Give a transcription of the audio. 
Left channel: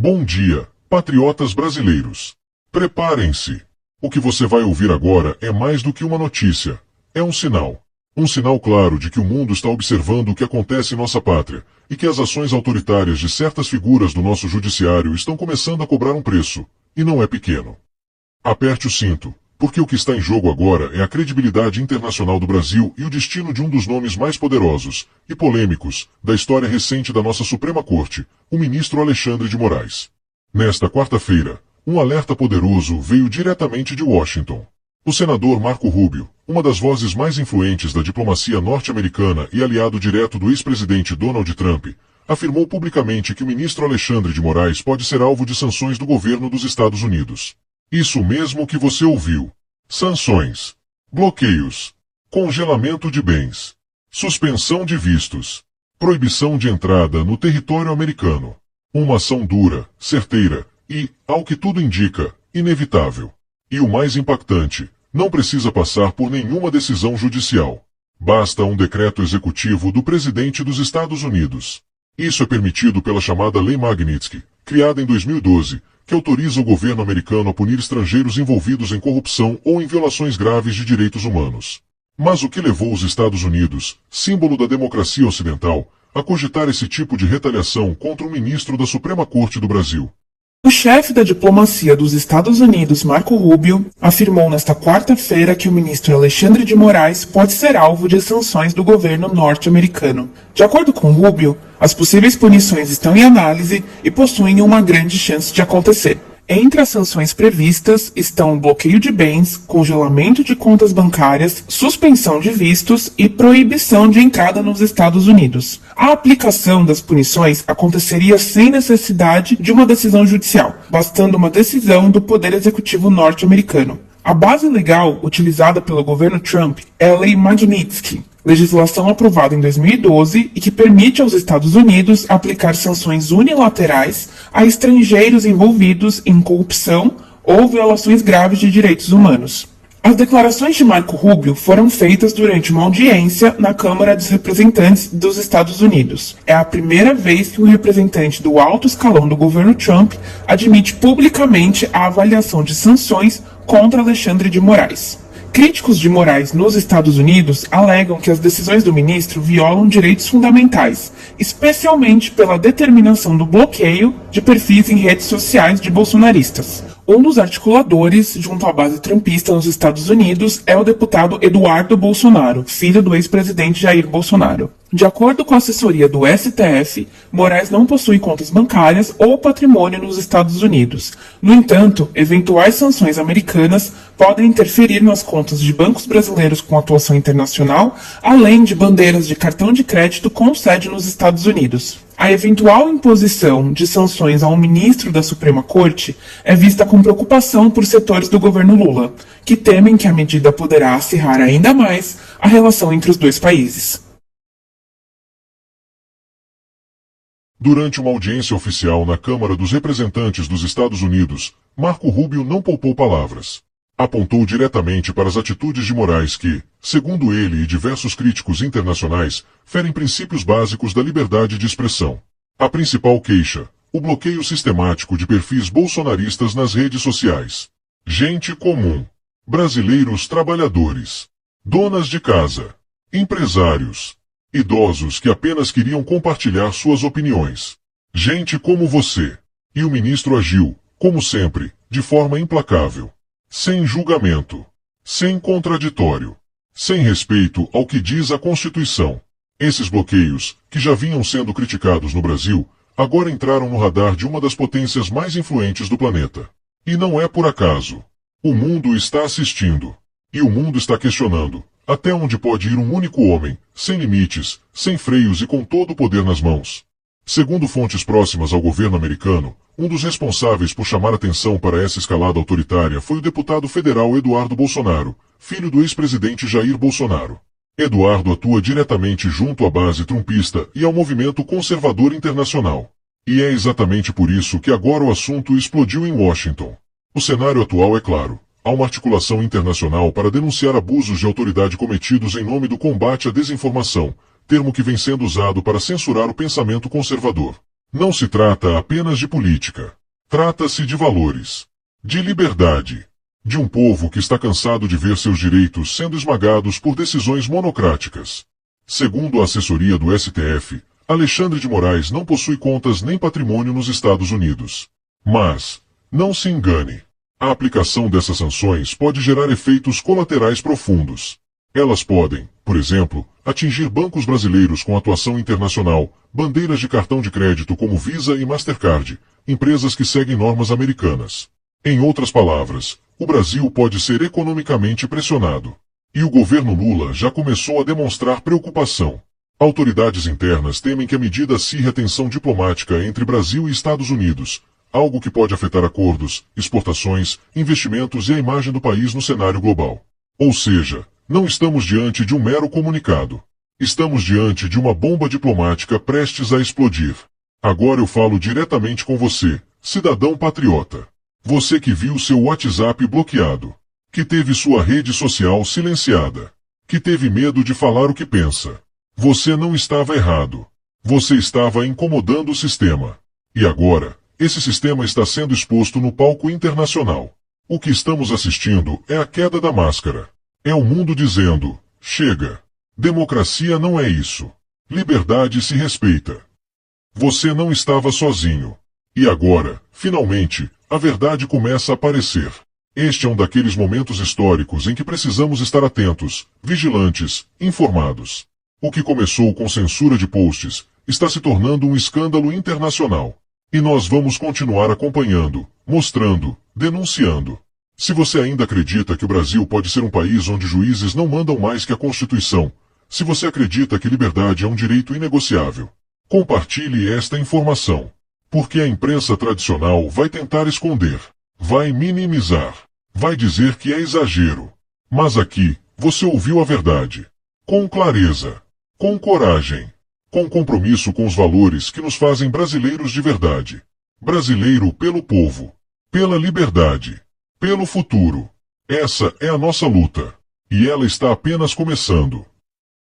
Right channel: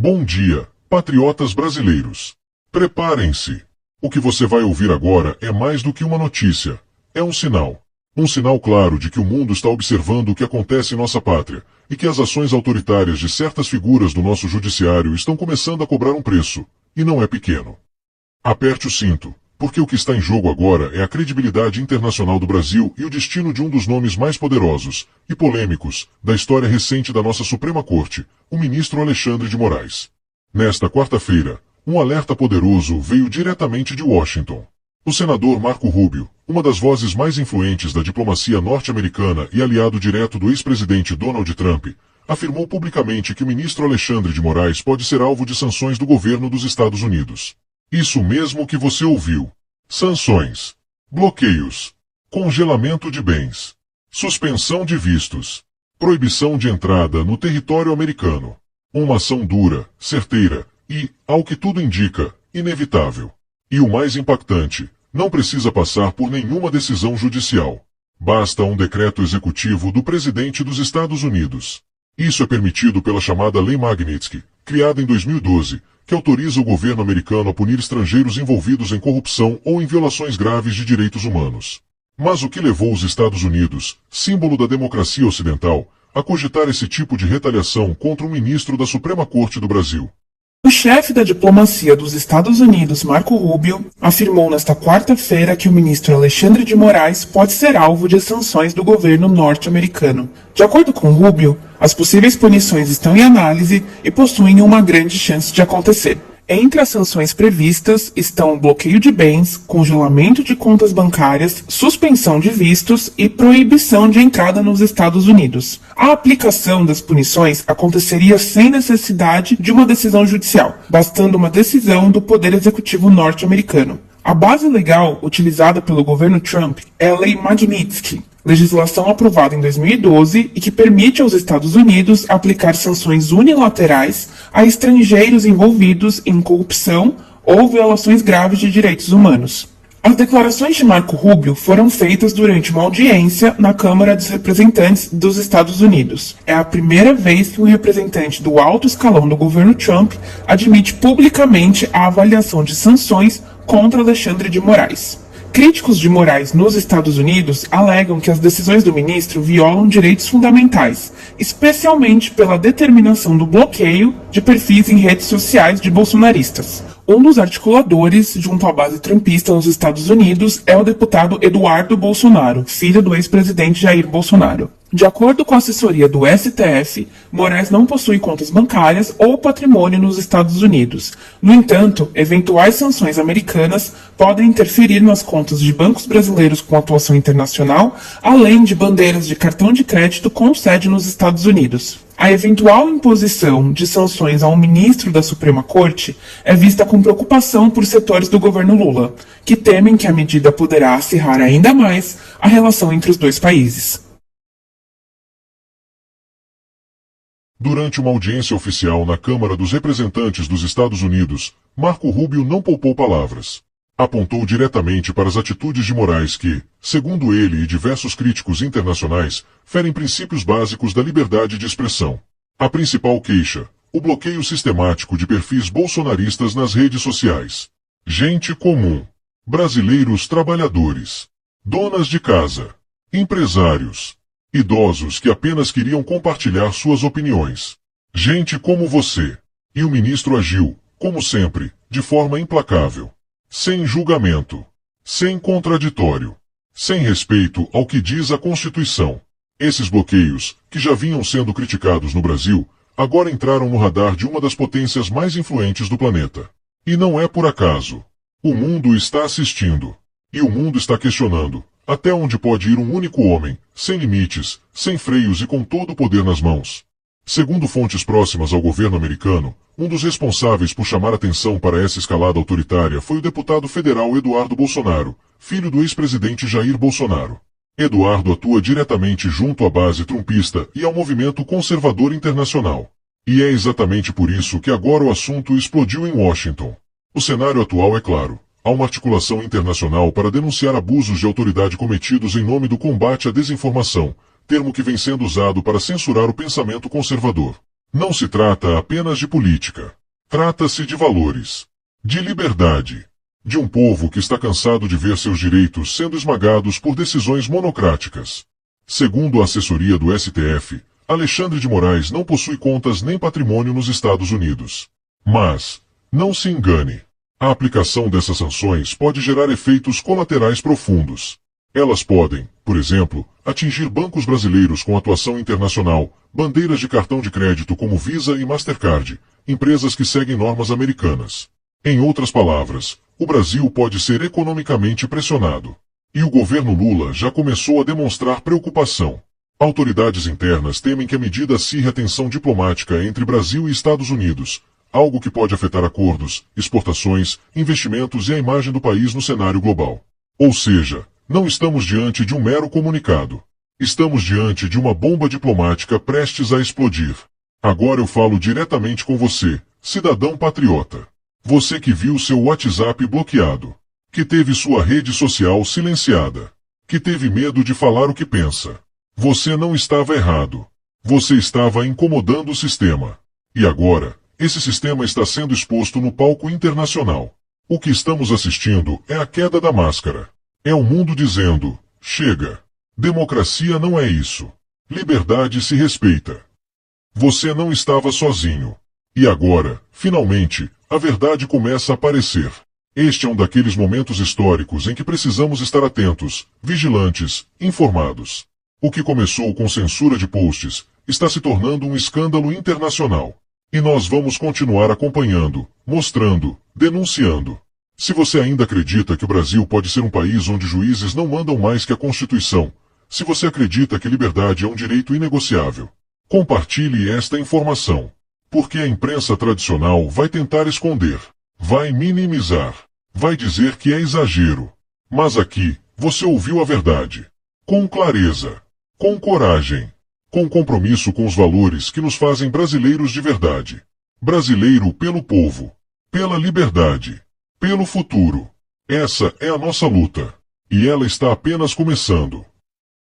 Bom dia, patriotas brasileiros. Preparem-se. O que você vai ouvir agora é mais do que uma notícia. É um sinal. Um sinal claro de que o mundo está observando o que acontece em nossa pátria e que as ações autoritárias de certas figuras do nosso judiciário estão começando a cobrar um preço, e não é pequeno. Aperte o cinto, porque o que está em jogo agora é a credibilidade internacional do Brasil e o destino de um dos nomes mais poderosos e polêmicos da história recente da nossa Suprema Corte, o ministro Alexandre de Moraes. Nesta quarta-feira, um alerta poderoso veio diretamente de Washington. O senador Marco Rubio, uma das vozes mais influentes da diplomacia norte-americana e aliado direto do ex-presidente Donald Trump, afirmou publicamente que o ministro Alexandre de Moraes pode ser alvo de sanções do governo dos Estados Unidos. Isso mesmo que você ouviu. Sanções, bloqueios, congelamento de bens, suspensão de vistos, proibição de entrada no território americano. Uma ação dura, certeira e, ao que tudo indica, inevitável. E o mais impactante, não precisa passar por nenhuma decisão judicial. Basta um decreto executivo do presidente dos Estados Unidos. Isso é permitido pela chamada Lei Magnitsky, criada em 2012, que autoriza o governo americano a punir estrangeiros envolvidos em corrupção ou em violações graves de direitos humanos. Mas o que levou os Estados Unidos, símbolo da democracia ocidental, a cogitar esse tipo de retaliação contra um ministro da Suprema Corte do Brasil? O chefe da diplomacia dos Estados Unidos, Marco Rubio, afirmou nesta quarta-feira que o ministro Alexandre de Moraes pode ser alvo de sanções do governo norte-americano. De acordo com Rubio, as possíveis punições estão em análise e possuem uma grande chance de acontecer. Entre as sanções previstas estão bloqueio de bens, congelamento de contas bancárias, suspensão de vistos e proibição de entrada nos Estados Unidos. A aplicação das punições aconteceria sem necessidade de uma decisão judicial, bastando uma decisão do Poder Executivo norte-americano. A base legal utilizada pelo governo Trump é a Lei Magnitsky, legislação aprovada em 2012 e que permite aos Estados Unidos aplicar sanções unilaterais a estrangeiros envolvidos em corrupção ou violações graves de direitos humanos. As declarações de Marco Rubio foram feitas durante uma audiência na Câmara dos Representantes dos Estados Unidos. É a primeira vez que um representante do alto escalão do governo Trump admite publicamente a avaliação de sanções contra Alexandre de Moraes. Críticos de Moraes nos Estados Unidos alegam que as decisões do ministro violam direitos fundamentais, especialmente pela determinação do bloqueio de perfis em redes sociais de bolsonaristas. Um dos articuladores junto à base trumpista nos Estados Unidos é o deputado Eduardo Bolsonaro, filho do ex-presidente Jair Bolsonaro. De acordo com a assessoria do STF, Moraes não possui contas bancárias ou patrimônio nos Estados Unidos. No entanto, eventuais sanções americanas podem interferir nas contas de bancos brasileiros com atuação internacional, além de bandeiras de cartão de crédito com sede nos Estados Unidos. A eventual imposição de sanções a um ministro da Suprema Corte é vista com preocupação por setores do governo Lula, que temem que a medida poderá acirrar ainda mais a relação entre os dois países. Durante uma audiência oficial na Câmara dos Representantes dos Estados Unidos, Marco Rubio não poupou palavras. Apontou diretamente para as atitudes de Moraes que, segundo ele e diversos críticos internacionais, ferem princípios básicos da liberdade de expressão. A principal queixa, o bloqueio sistemático de perfis bolsonaristas nas redes sociais. Gente comum, brasileiros trabalhadores, donas de casa, empresários, idosos que apenas queriam compartilhar suas opiniões. Gente como você. E o ministro agiu, como sempre, de forma implacável. Sem julgamento. Sem contraditório. Sem respeito ao que diz a Constituição. Esses bloqueios, que já vinham sendo criticados no Brasil, agora entraram no radar de uma das potências mais influentes do planeta. E não é por acaso. O mundo está assistindo. E o mundo está questionando. Até onde pode ir um único homem, sem limites, sem freios e com todo o poder nas mãos? Segundo fontes próximas ao governo americano, um dos responsáveis por chamar atenção para essa escalada autoritária foi o deputado federal Eduardo Bolsonaro, filho do ex-presidente Jair Bolsonaro. Eduardo atua diretamente junto à base trumpista e ao movimento conservador internacional. E é exatamente por isso que agora o assunto explodiu em Washington. O cenário atual é claro. Há uma articulação internacional para denunciar abusos de autoridade cometidos em nome do combate à desinformação, termo que vem sendo usado para censurar o pensamento conservador. Não se trata apenas de política. Trata-se de valores, de liberdade, de um povo que está cansado de ver seus direitos sendo esmagados por decisões monocráticas. Segundo a assessoria do STF, Alexandre de Moraes não possui contas nem patrimônio nos Estados Unidos. Mas, não se engane, a aplicação dessas sanções pode gerar efeitos colaterais profundos. Elas podem, por exemplo, atingir bancos brasileiros com atuação internacional, bandeiras de cartão de crédito como Visa e Mastercard, empresas que seguem normas americanas. Em outras palavras, o Brasil pode ser economicamente pressionado. E o governo Lula já começou a demonstrar preocupação. Autoridades internas temem que a medida acirre a tensão diplomática entre Brasil e Estados Unidos, algo que pode afetar acordos, exportações, investimentos e a imagem do país no cenário global. Ou seja, não estamos diante de um mero comunicado. Estamos diante de uma bomba diplomática prestes a explodir. Agora eu falo diretamente com você, cidadão patriota. Você que viu seu WhatsApp bloqueado, que teve sua rede social silenciada, que teve medo de falar o que pensa. Você não estava errado. Você estava incomodando o sistema. E agora, esse sistema está sendo exposto no palco internacional. O que estamos assistindo é a queda da máscara. É o mundo dizendo, chega. Democracia não é isso. Liberdade se respeita. Você não estava sozinho. E agora, finalmente, a verdade começa a aparecer. Este é um daqueles momentos históricos em que precisamos estar atentos, vigilantes, informados. O que começou com censura de posts está se tornando um escândalo internacional. E nós vamos continuar acompanhando, mostrando, denunciando. Se você ainda acredita que o Brasil pode ser um país onde juízes não mandam mais que a Constituição, se você acredita que liberdade é um direito inegociável, compartilhe esta informação, porque a imprensa tradicional vai tentar esconder, vai minimizar, vai dizer que é exagero. Mas aqui, você ouviu a verdade. Com clareza, com coragem, com compromisso com os valores que nos fazem brasileiros de verdade. Brasileiro pelo povo, pela liberdade, pelo futuro. Essa é a nossa luta. E ela está apenas começando.